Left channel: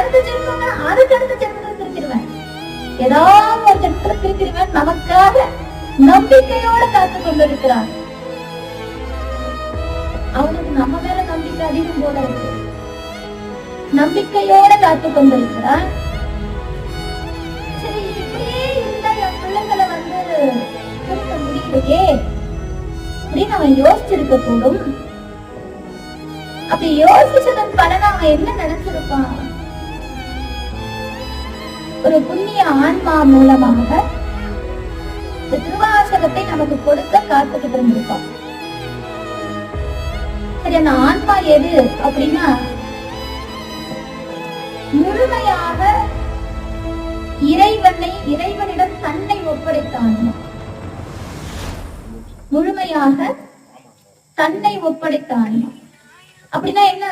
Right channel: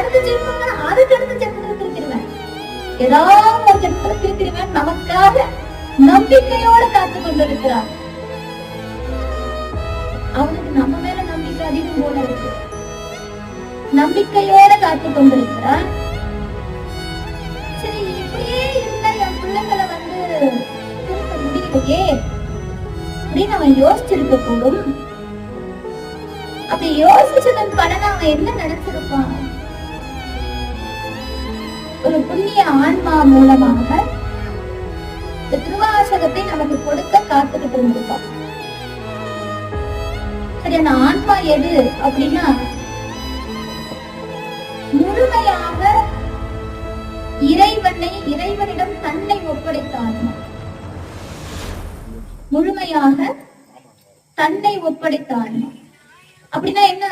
அடுத்த ஜென்மம் அதுக்கு அடுத்த ஜென்மத்தை திருத்திடுவேன், ஏதாவது ஒரு ஜென்மத்தை திருத்திடுவேன். நமக்காக நம்பிக்கையோடு காத்து கொண்டிருக்கிறார். அவனுக்கு நம்ம மேல நம்பிக்கை அதிகம் போல இருக்கு. நம்பிக்கையோட காத்து கொண்டிருக்கிறான். சரி, இப்படியே இருந்தா என் பிள்ளைங்களை திருத்த முடியலையே அப்படின்னு அவன் யோசிச்சிருக்க கூடும். அப்படி யோசிச்சதன் பலன் அவன் என்ன நினைச்சிருப்பான்? ஒரு புண்ணிய ஆன்மா மூலமாக திருவாசகத்தை நமக்கு கொடுக்க காத்துக்கிட்டு இருந்திருப்பான். சரி, அந்த ஆன்மா எது அப்படின்னா முழுமையாக இறைவனிடம் தன்னை ஒப்படைத்த ஆன்மா. முழுமையாக தன்னை ஒப்படைத்த ஆன்மா அப்படின்னா என்ன?